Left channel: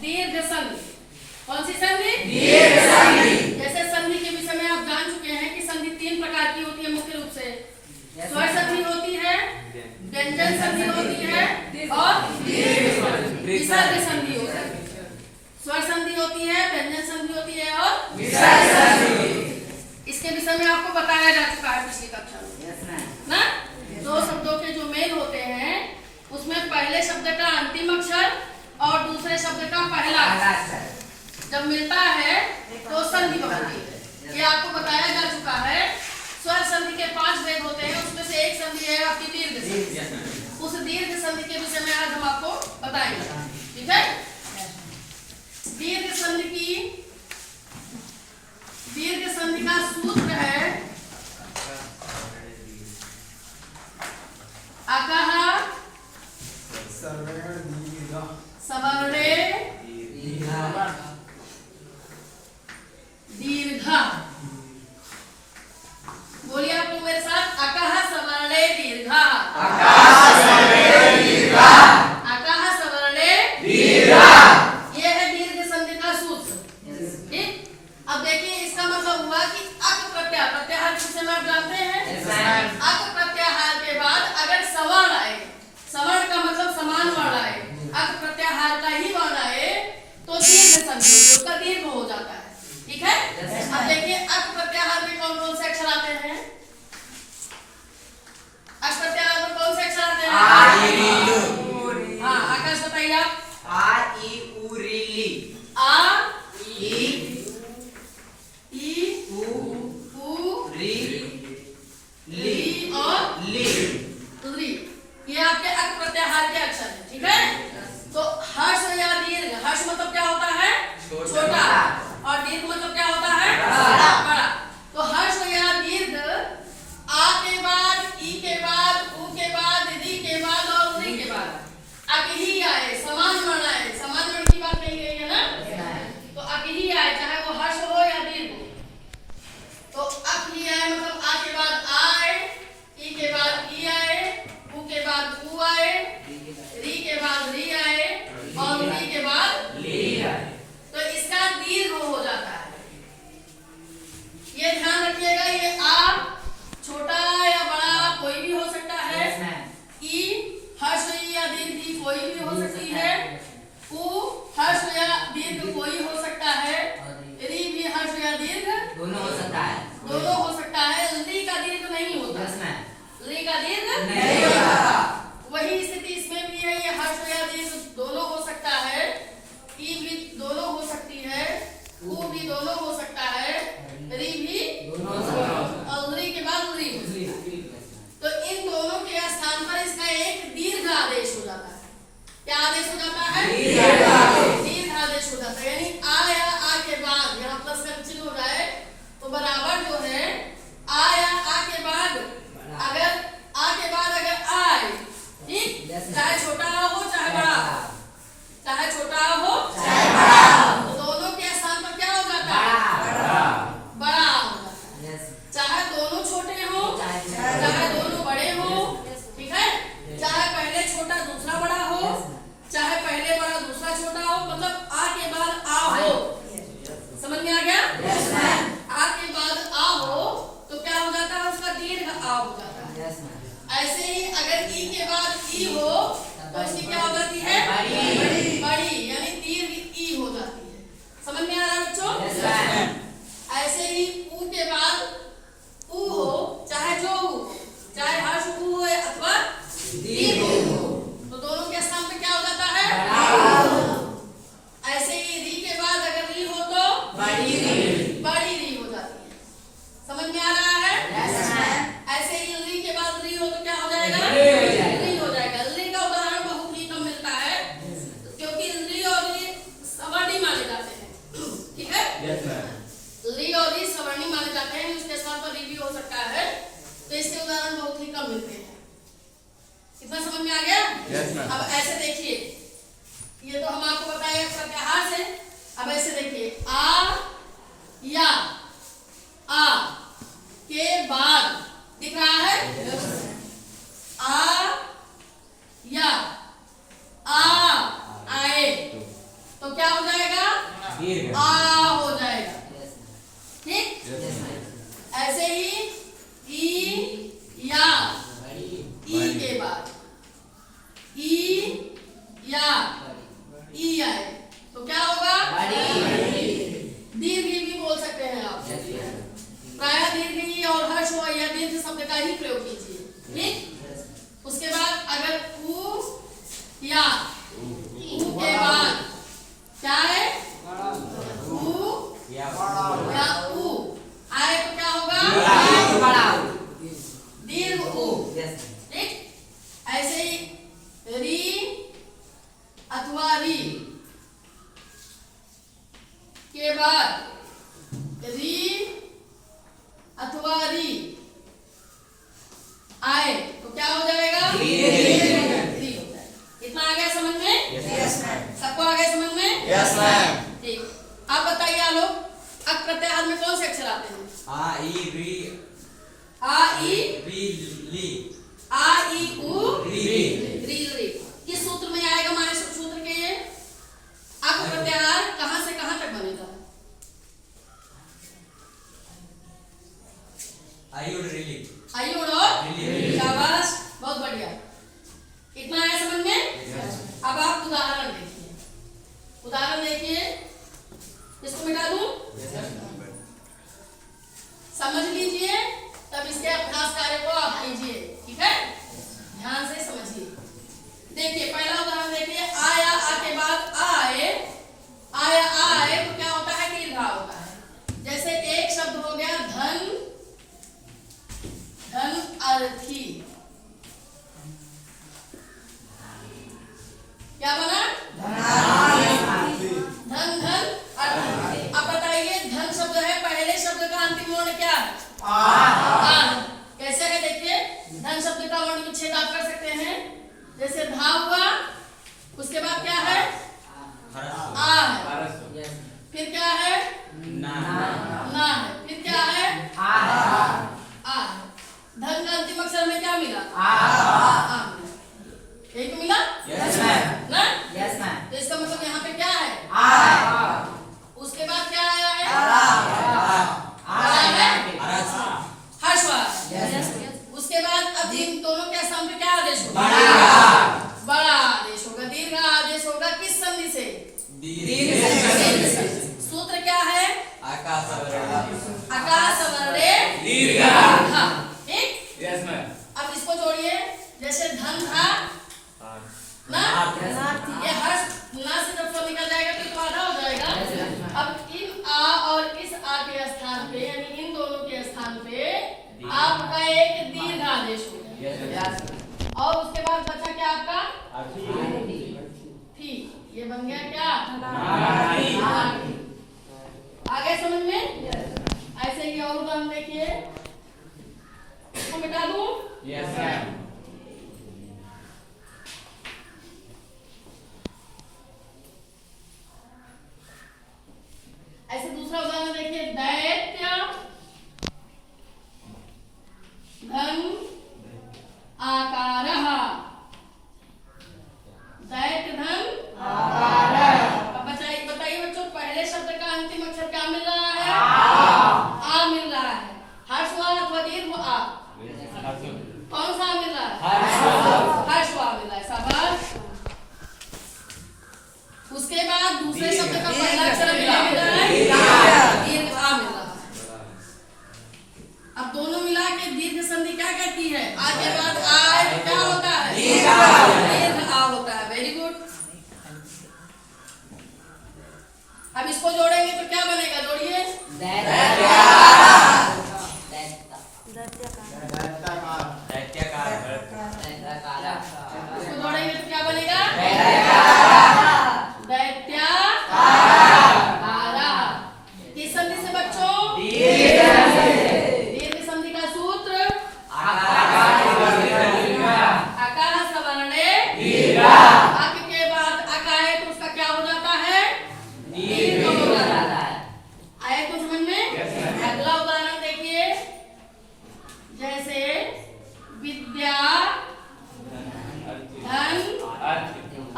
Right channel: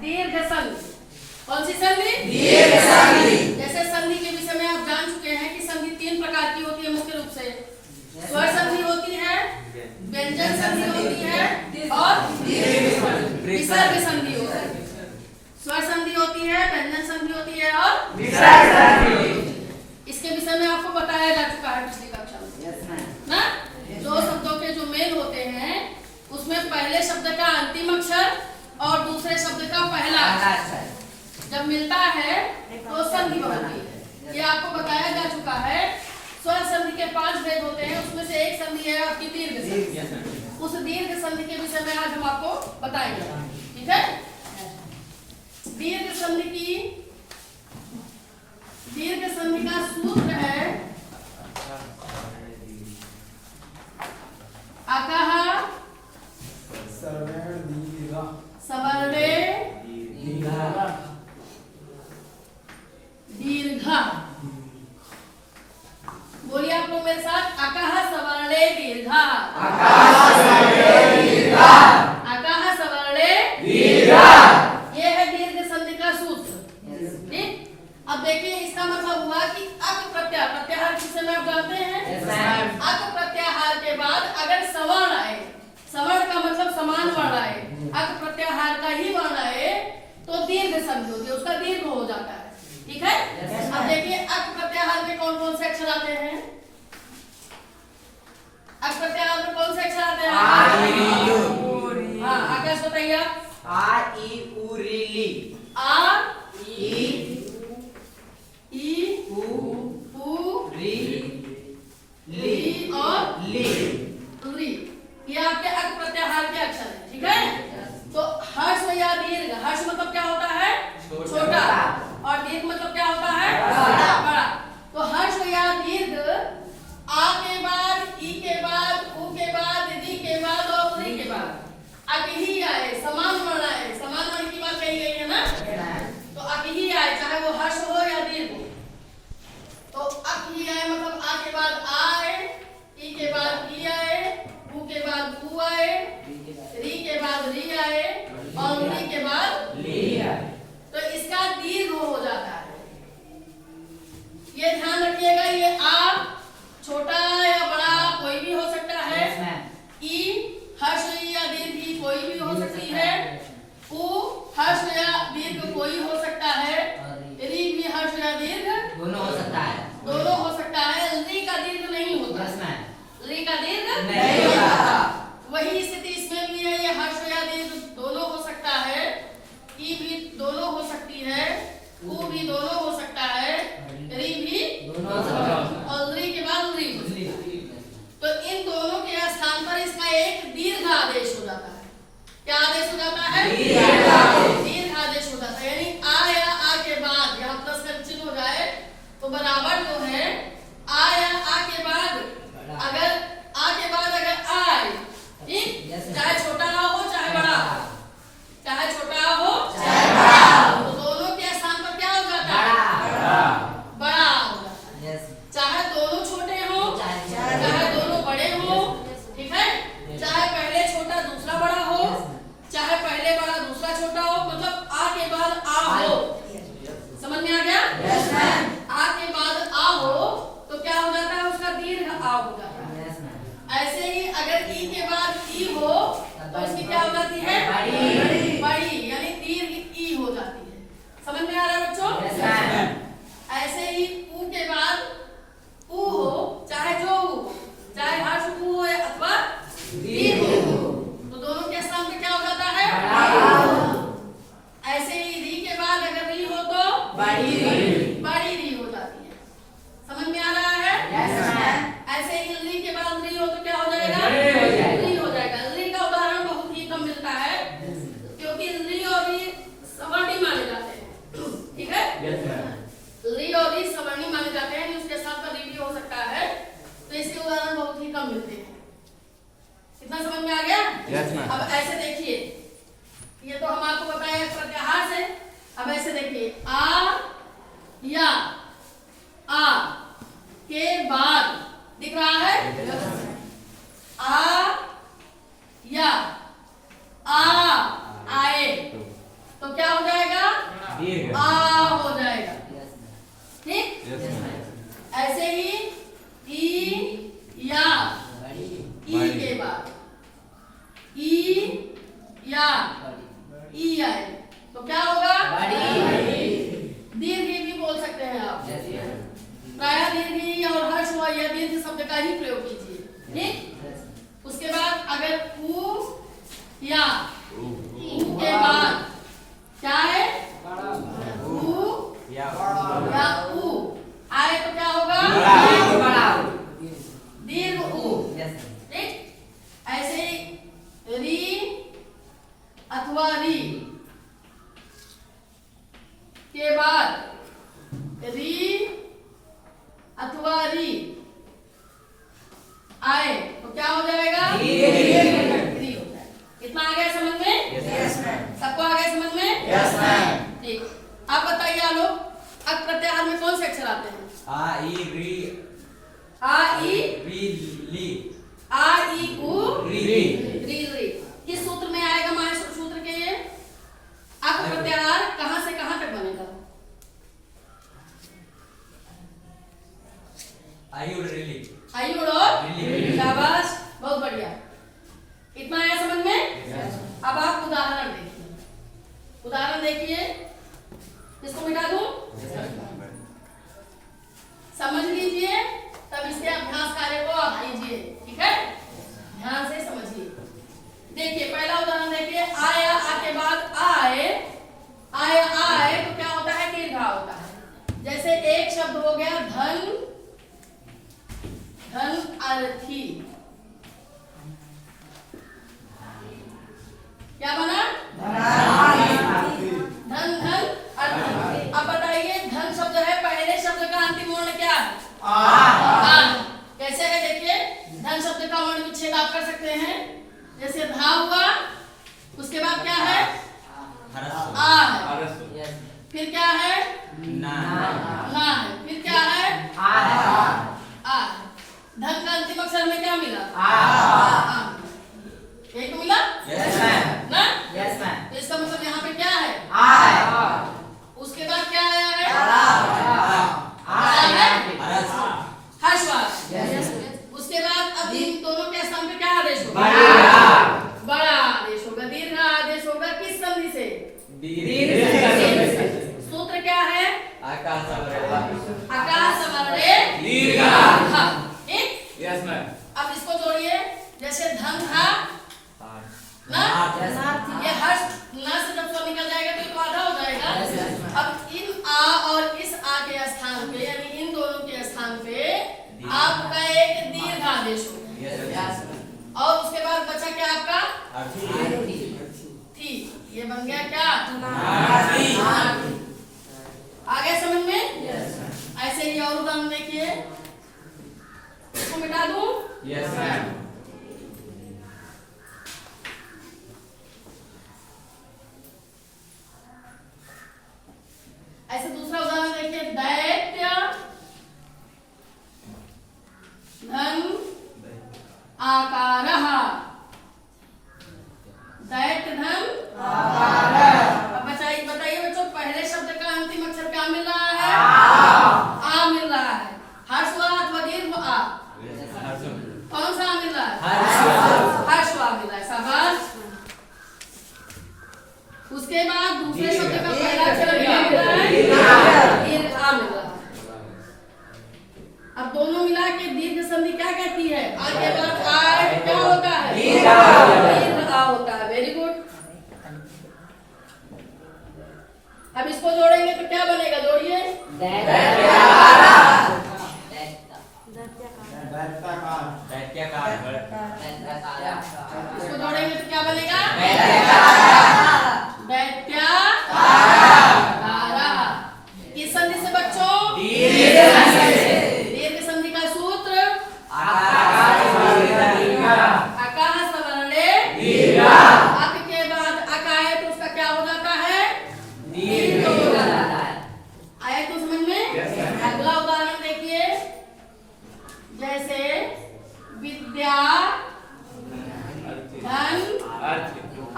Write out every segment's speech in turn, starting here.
दीर्घ संधि। कौन सी संधि? दीर्घ संधि। जैसे संधि के विषय में आप जान चुके हैं कि संधि 3 प्रकार की होती है मुख्य रूप से। स्वर संधि होती है, व्यंजन संधि होती है और विसर्ग संधि होती है। स्वर संधि होती है, व्यंजन संधि होती है और विसर्ग संधि। इसके विषय में आपको बताया जा चुका है पिछली कक्षा में ना। 2 शब्दों के जो मेल होते हैं उसमें पहले शब्द का अंतिम अक्षर और दूसरे शब्द का पहला अक्षर जब मिलता है तो संधि बनती है। ये आपको बताया जा चुका है। स्वर संधि के 5 भेद होते हैं, उसमें से एक संधि है आपकी दीर्घ संधि। उस दीर्घ संधि के विषय में आज हम आपको बताएंगे, ठीक है। दीर्घ संधि का सूत्र है अकः सवर्णे दीर्घ। बोलिए आप लोग मेरे साथ, अकः सवर्णे दीर्घ। अकः सवर्णे दीर्घ। ये है दीर्घ संधि का सूत्र, ठीक। अब देखिए इसका मतलब हुआ कि अक प्रत्याहार, प्रत्याहार जिसे आप जानते हैं। अक प्रत्याहार के बाद अगर सवर्ण आए, सवर्ण का मतलब समान वर्ण आए, अक प्रत्याहार का ही वर्ण आए तो दीर्घ संधि, उसका दीर्घ हो जाता है, ठीक है। अब देखिए अक प्रत्याहार में कौन कौन से अक्षर आते हैं? अक प्रत्याहार में कौन से अक्षर आते हैं? हाँ, आकाश बताइए आप। आ ई उ री ली। आ ई उ री ली और ली। री, ये आपके अक प्रत्याहार के अक्षर हैं, ठीक है। तो हर्ष या दीर्घ, हर्ष मतलब क्या होता है? छोटा, और दीर्घ मतलब क्या होता है? बड़ा। तो हर्ष या दीर्घ आ के बाद, ई के बाद, उ के बाद, री के बाद और री के बाद अक ही आए, समान वर्ण आए। समान वर्ण की बात कही गई है ना, तो अक ही आए, चाहे वो हर्ष हो या दीर्घ हो। तो अक ही आए मतलब आ के बाद आ आए, ई के बाद ई आए, उ के बाद उ आए, री के बाद री आए और री के बाद ली आए, तो इसका दीर्घ हो जाता है। ये ध्यान रखिएगा, ये आ छोटा या बड़ा कोई भी हो सकता है। ई हर्ष या दीर्घ कोई भी हो सकती है। उ हर्ष या दीर्घ कोई हो सकता है। री भी हर्ष या दीर्घ दोनों हो सकता है। दोनों हो सकता है। री का दीर्घ नहीं होता, री का दीर्घ नहीं होता। वही स्थिति इसमें भी है, ये हर्ष या दीर्घ दोनों हो सकता है। ई भी दोनों हो सकती है, उ भी दोनों हो सकता है, री भी दोनों हो सकता है। और री के बाद री। तो इन दोनों के स्थान पर इसका एक दीर्घ आदेश हो जाता है। क्या आदेश हो जाता है? दीर्घ आदेश हो जाता है। यानी आ या आ के बाद यहाँ प्लस का चिन्ह हो जाए तो बराबर जो है आ या आ के बाद, अगर आ के बाद अगर आए, ठीक, चाहे छोटा हो चाहे बड़ा हो, चाहे छोटा हो चाहे बड़ा हो, तो दोनों के स्थान पर क्या हो जाता है? बड़ा हो जाता है। चाहे दोनों छोटे हो चाहे दोनों बड़े हो, ठीक है। चाहे पहले छोटा दूसरा बड़ा हो, चाहे पहले बड़ा आ हो जाएगा। ठीक, ऐसे ही ई या, ई के बाद ई या, ई आए तो क्या होगा? दीर्घ भी बोल सकते हैं आप। प्रायः दीर्घ और हर्ष हुआ या दीर्घ शब्द का ही प्रयोग कीजिए। ठीक, उसके बाद अगर ऊ या, ऊ के बाद क्या है? ऊ या ऊ आए तो क्या होगा? दीर्घ ऊ। ठीक, ऐसे ही री अथवा री के बाद री अथवा री आए तो क्या हो जाएगा? री हो जाएगा। इतना आ गया समझ में? सबको आ गया समझ में? ठीक, आप बताइए आलोक, अक प्रत्याहार में कौन से अक्षर आते हैं? आ ई री आ ई ली आ ई उ री री। किस सूत्र में आएगा? माहेश्वर सूत्र के ये अक प्रत्याहार कहां से कहां तक बनेगा? आयु रिली आयुड़ो, शाबाश, बहुत बढ़िया। इतना आया समझ में? अब आप उदाहरण देखिए। उदाहरण देखिए, इसको मिटा दूं? समझ लीजिए, तब इसके अभ्यास कार्य को आप कीजिए। ठीक है, ध्यान से समझिए। देखिए पहला उदाहरण देखिए, आया आ के बाद आए, आया आए तो क्या होता है? दीर्घ होता है। जैसे एक शब्द हो गया धन, धन अर्थी, क्या बना? धन धन अर्थी। अब बताइए, धन शब्द है, पहले शब्द का अंतिम वर्ण क्या है? आ। कैसे है देखिए, धन शब्द का वर्ण विच्छेद आप कर सकते हैं। जैसे धा हुआ, उसके बाद क्या है? आ है, फिर क्या है? ना है, फिर क्या है? आ है। धन का अंतिम अक्षर में क्या मिला? आ। एक तो मिला? ना? तो इसका मतलब यहाँ पे क्या है? उसके बाद क्या आया है? हर्षवाद। उसके बाद अब इन दोनों के स्थान पे क्या आदेश होगा? बड़ा आदेश होगा। दीर्घ आदेश होगा किस संधि से? सूत्र क्या है? आकाश सवरे दीर्घ। ठीक, अब इसको जोड़िए। जैसे धन था ना, ये हर्ष ना से जब स्वर निकल जाएगा तो ये तो आधा हो जाएगा। अब इन आ और इस आ के स्थान पे, यानी इन दोनों के स्थान पे आपका एक दीर्घ आदेश होगा। और उसके बाद बचा क्या आपका? थी। ये बन गया क्या? आगे समझ में? ऐसे ही और उदाहरण देखिए, इसको मिटा दूं? ऐसे दूसरा उदाहरण देखिए, दैत्य धन आकारः, दैत्य धन आकारः। अब बताइए बच्चों, पहले शब्द का अंतिम अक्षर क्या मिल रहा है? आ मिल रहा है। हर्षवाद अथवा दीर्घ आ? कौन सा मिल रहा है? हर्षवाद मिल रहा है। शाबाश। उसके बाद दूसरे शब्द का पहला अक्षर क्या मिल रहा है? दीर्घ आ मिल रहा है। अब दोनों मिला के दीर्घ संधि क्या कहती है? आ के बाद आए तो क्या होता है? दीर्घ आ होता है। Very good. अब इसको जोड़ेंगे तो क्या बनेगा? जोड़िए। इसको जोड़ेंगे तो क्या बनेगा? दैत्याकारः। किस संधि से बच्चों? दीर्घ संधि का सूत्र आकाश सवर्णे दीर्घ। अक के बाद अक आए तो उसका क्या हो जाता है? दीर्घ हो जाता है। आया तो समझ में? अगला उदाहरण देखिए, जैसे विद्या धन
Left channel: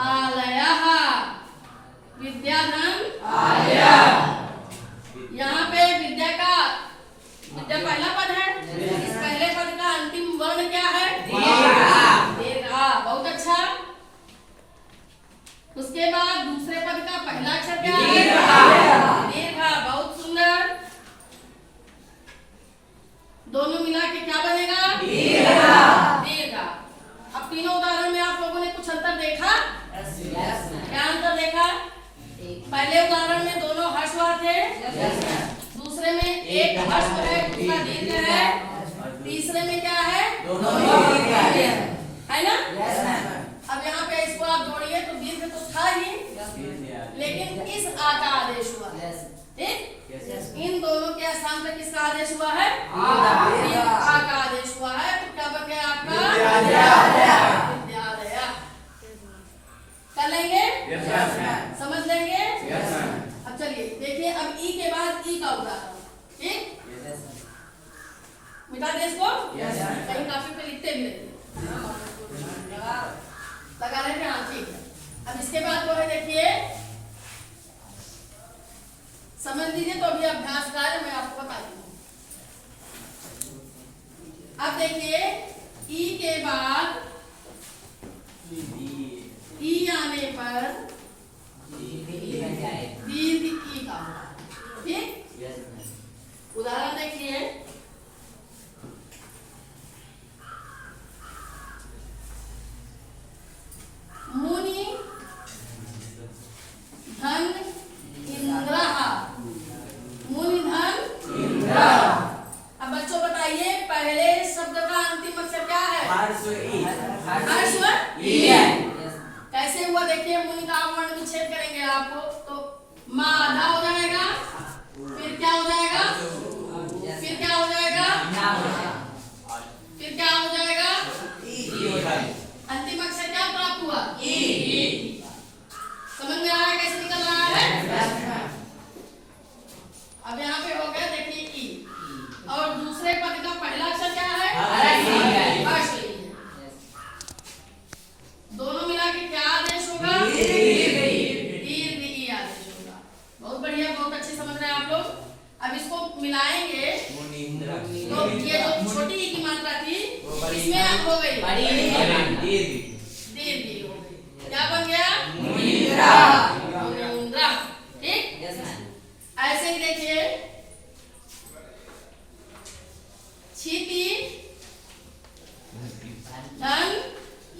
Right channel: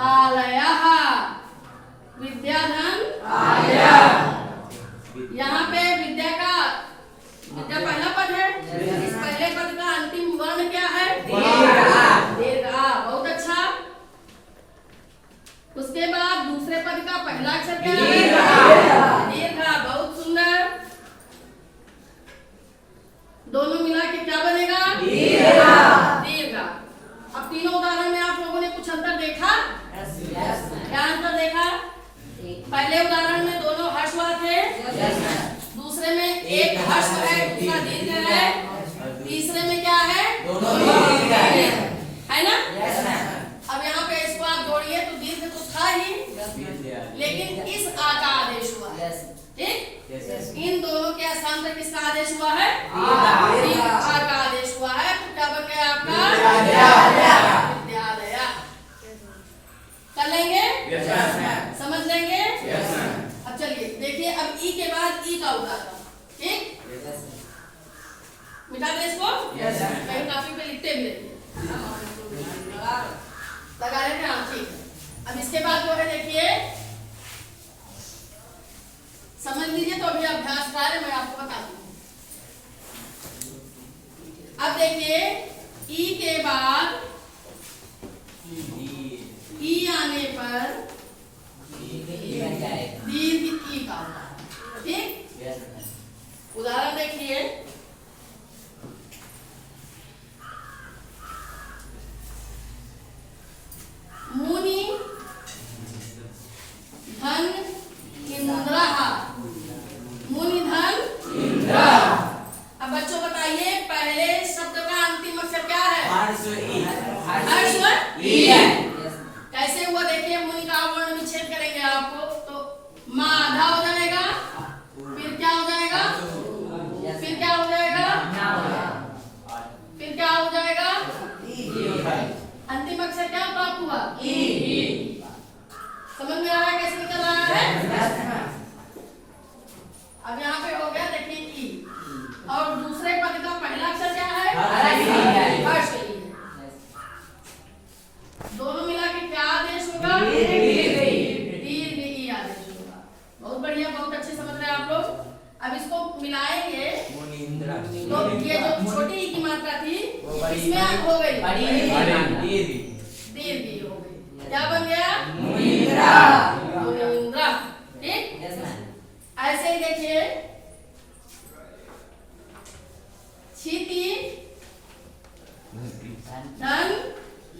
आलयः, विद्या धन आलयः। पहला अक्षर क्या है? दीर्घ। बहुत सुंदर। दोनों मिला के क्या बनेगा? दीर्घ। अब तीनों उदाहरण में आप लोगों ने कुछ अंतर देखा? क्या अंतर देखा? पहले उदाहरण में दोनों हर्षवा थे, दूसरे में एक हर्ष है, दूसरा दीर्घ है, तीसरे में क्या है? दोनों है ना? अब यहाँ पे इसको आप जोड़िए तो दीर्घ तो था ही, लेकिन इस आ का आदेश हुआ है। ठीक? इन दोनों के स्थान पर किसका आदेश हुआ है? दीर्घ आ का आदेश हुआ है। तो क्या बन गया आपका? विद्यालय। कर लेंगे? समझ लेंगे? अब चलिए देखिए, अब ई के बाद ई का उदाहरण। ठीक? मिटा दें इसको? कहीं काफी पे लिखते भी रहिए। लगा लेते हैं? हाँ, ठीक है। अब इसके बाद जो है देखिए, समझ लीजिए तो अभी अभ्यास कार्य मैं आपको बता दूं। अब देखिए, ई के बाद ई आने पर दीर्घ ई का होगा। ठीक? उदाहरण देखिए, मुनि धन इंद्रः। मुनि धन इंद्र। अब बच्चों बताइए, पहले शब्द का अंतिम अक्षर क्या है? हर्ष ई है। कैसे हुआ देखिए, मुनि का वर्ण विच्छेद करेंगे आपको तो माँ आधा हो जाएगा, फिर क्या हो जाएगा? फिर क्या हो जाएगा? फिर क्या हो जाएगा? अंतिम अक्षर क्या प्राप्त हुआ? ई। समझ में आ रहा है कैसे निकल रहा है? अब यहाँ पे हो गया देखिए ई, और दूसरे पद का पहला अक्षर क्या है? हर्ष ई है। दोनों मिला के क्या आदेश होगा? दीर्घ ई आदेश होगा। बहुत बढ़िया, बहुत अच्छे समझ रहे हैं आप लोग। अब इसको मिलाएंगे तो ये जो छोटी ई की मात्रा थी इसमें हो गई दीर्घ ई हो गई। क्या बन गया? मुनीन्द्रा। ठीक? ऐसे ही देखिए, क्षिति धन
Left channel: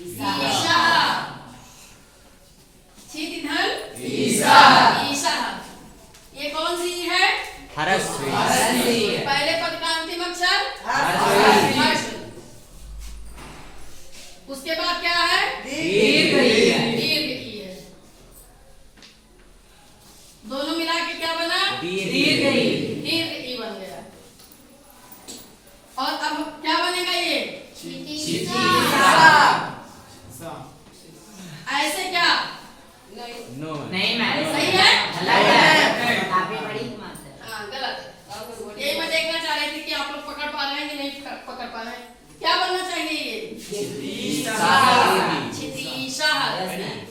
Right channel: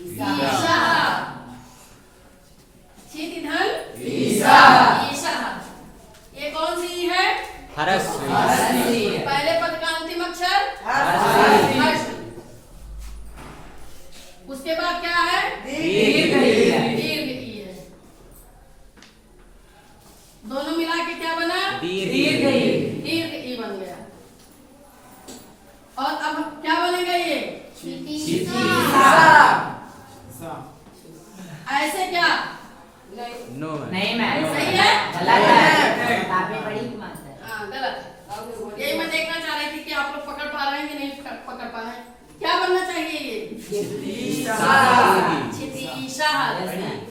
ईशः। क्षिति धन ईशः। ये कौन सी है? पहले पद का अंतिम अक्षर हर्ष। उसके बाद क्या है? दीर्घ ई है। दोनों मिला के क्या बना? दीर्घ ई बन गया। और अब क्या बनेगा ये? ऐसे क्या? नहीं मैम, सही है? गलत। हाँ, गलत है। यही मैं देखना चाह रही थी कि आप लोग पकड़ पा रहे हैं कि नहीं पकड़ पा रहे हैं। क्या बनना चाहिए ये? क्षितिशाः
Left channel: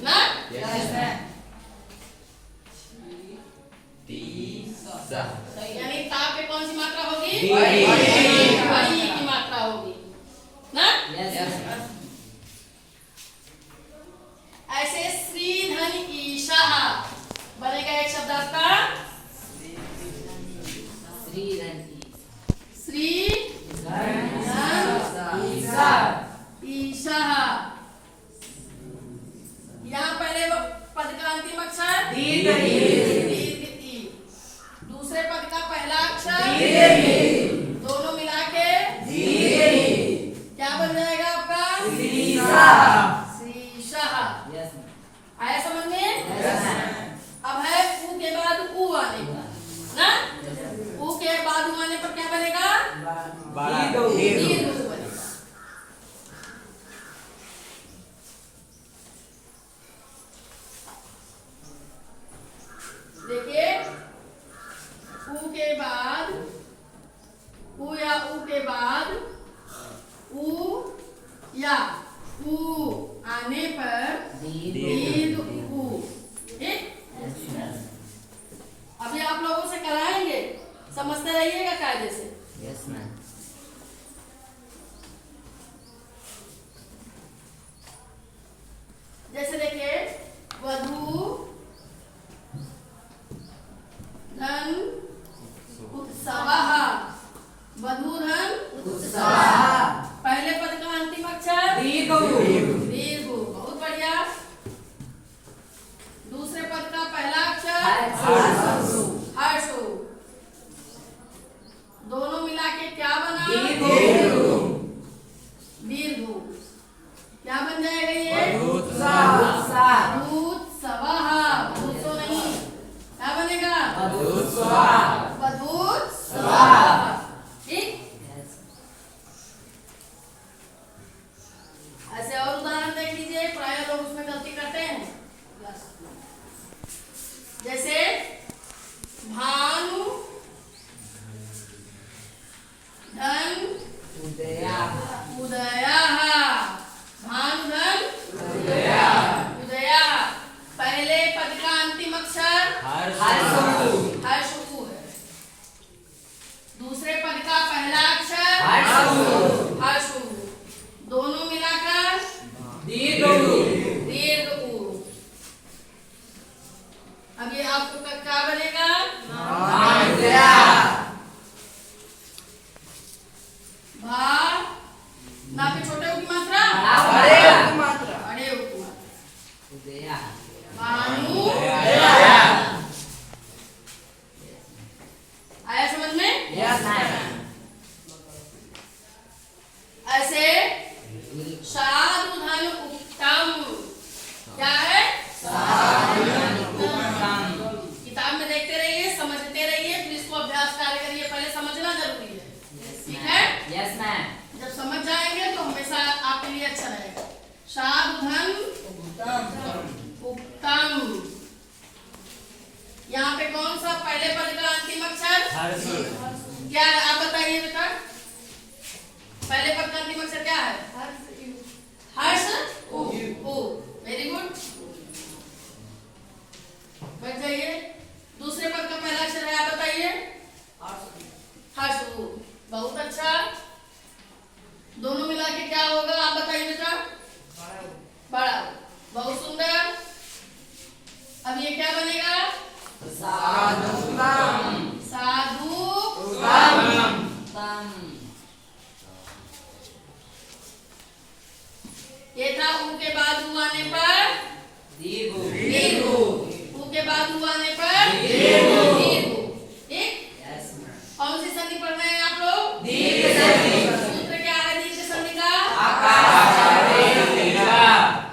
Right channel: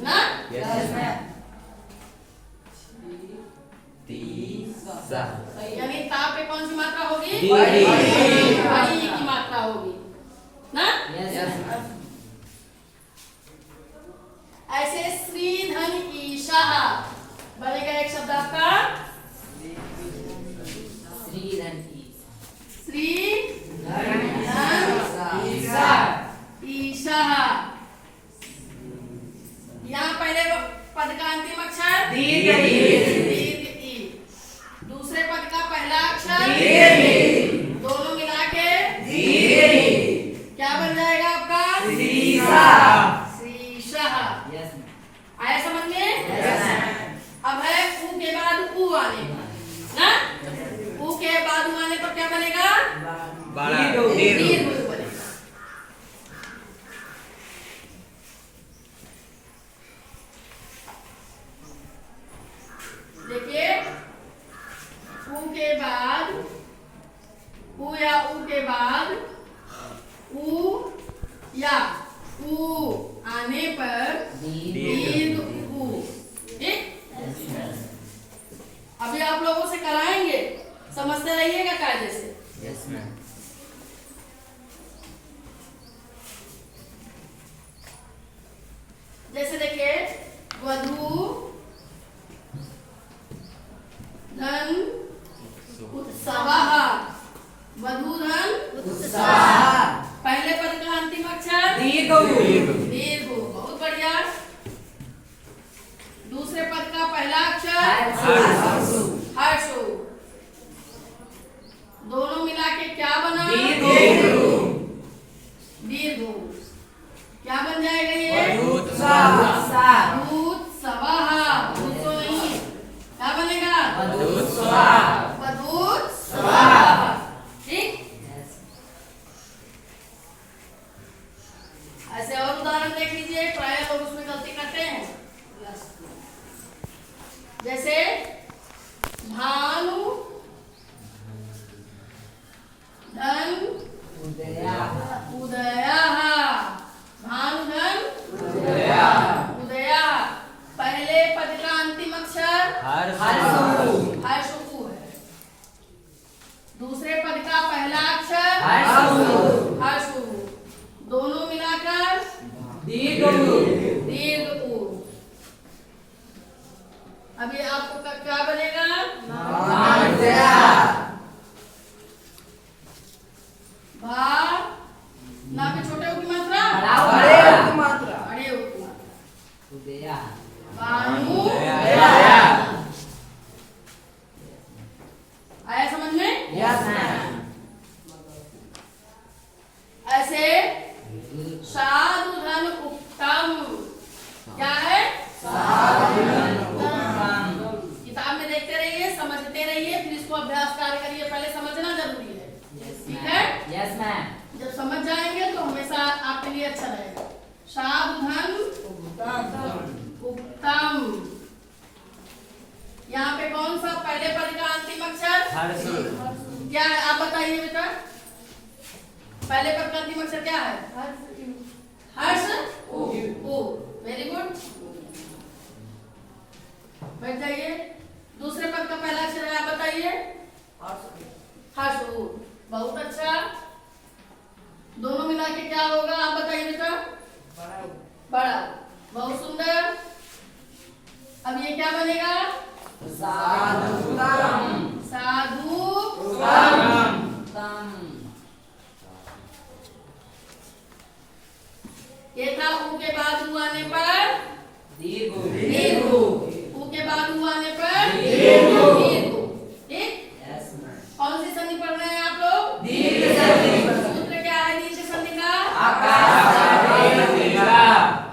ना? यानी ता पे कौन सी मात्रा होगी? बड़ी की मात्रा होगी ना? ऐसे श्री धन ईशाः बनेगा एक शब्द आपका श्री धन ईशाः। यहाँ पहले पद का अंतिम अक्षर दीर्घ ई, दूसरे पद का पहला अक्षर दोनों मिला के क्या बन जाएगा आपका? श्रीशाः। आया समझ में? अब है ऊ के बाद ऊ आने ना? ऊ के बाद ऊ आने पर क्या बनेगा? दीर्घ ऊ बनेगा। देखिए, ऊ के बाद ऊ या ऊ के बाद ऊ या ऊ आने पर दीर्घ ऊ। ठीक? अभी आप लोगों से कराएंगे, समझते रहिएगा कायदे से। जैसे देखिए, वधू धन उत्सवः वधू धन उत्सवः पहले पद का अंतिम अक्षर दीर्घ दीर्घ बहुत बढ़िया। दूसरे पद का पहला अक्षर हर्षु हर्षु दोनों मिला के क्या बना दीर्घ दीर्घ क्या बन जाएगा ये उत्सव दूत्सवः दूत्सव नहीं क्या बनेगा वधूत्सवः ठीक। ऐसे और उदाहरण देख लीजिए प्राय लोग उसमें गलती करते हैं जैसे भानु धन उदयः उदयः भानु धन उदयः उदयः पहले पद का अंतिम अक्षर हर्षु हर्षु है। दूसरे पद का पहला अक्षर हर्षु हर्षु दोनों मिलाकर दीर्घ दीर्घ उ। अब ये आपको क्या बनेगा भा ना पे छोटे उ की मात्रा बड़े उ की मात्रा उदयः भानु आया समझ में। यस मैम ऐसे साधु धन उत्तम क्या है किताब में देखते रहिए समझते रहिए फिर इसको अभ्यास कार्य करिए पहले समझना जरूरी है ठीक है। यस मैम जब समझ जाएंगे तो हमेशा आपके लिए अच्छा रहेगा। साधु धन उत्तम यहाँ पे कौन सा पहले पद का अंतिम अक्षर क्या है आप बताइए बेटा पहले पद का अंतिम अक्षर क्या है हर्ष ओ वेरी गुड बैठ जाइए। दूसरे पद का पहला अक्षर है आप बताइए हर्ष ओ बहुत अच्छा दोनों मिला के क्या होगा आप बताइए बेटा बड़ा बहुत सुंदर। अब ये क्या बनेगा साधु ये था ऊ के बाद ऊ आने पर दीर्घ ऊ के बाद ऊ आने पर दीर्घ ठीक। कौन सी संधि पढ़ रहे हैं आप लोग सूत्र क्या है दीर्घ संधि का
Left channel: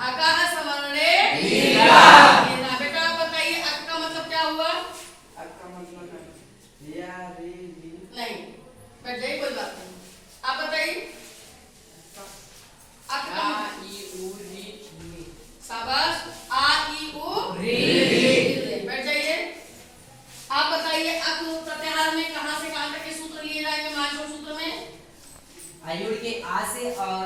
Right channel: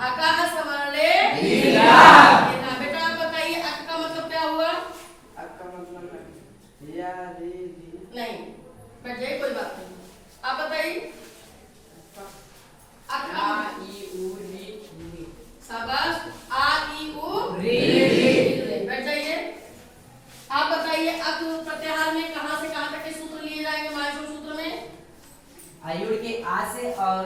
अकाह समरणे बेटा आप बताइए अक का मतलब क्या हुआ नहीं बैठ जाइए कोई बात नहीं आप बताइए अक का शाबाश आ ई उ बैठ जाइए। आप बताइए अक प्रत्याहार में कहां से कहां तक के सूत्र लिए जाएंगे माइक्रो सूत्र में आयुर्वेद के आ से और